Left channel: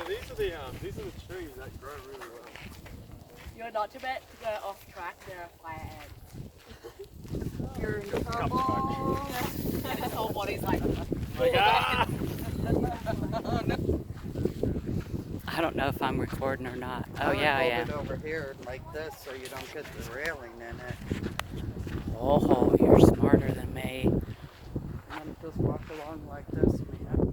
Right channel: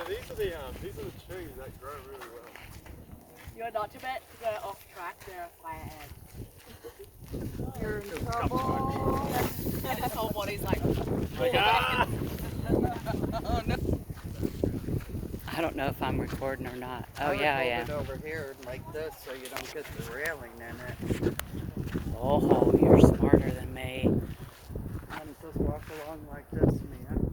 so these are the trees that grow really well. You're not too bad to go off track. There are fire ants. You're in trouble. Yeah. His whole body's like. I don't know if I'm recording or not. Oh, I would yeah, I hold am. it over here like this so you don't get the railing in it. Oh, you're smarter than me. And then just walk along like this, man.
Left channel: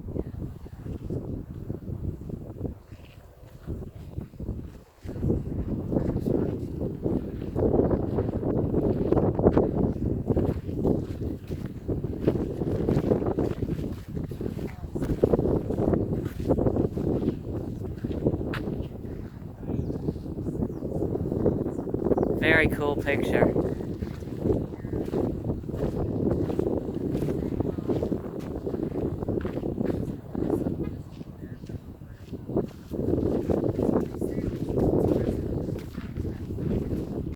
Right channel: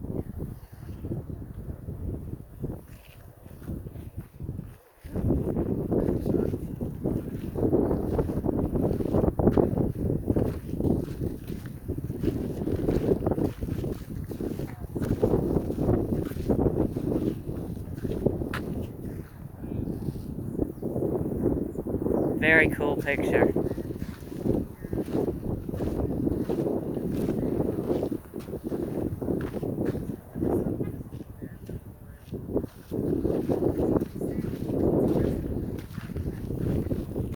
Very cool picture.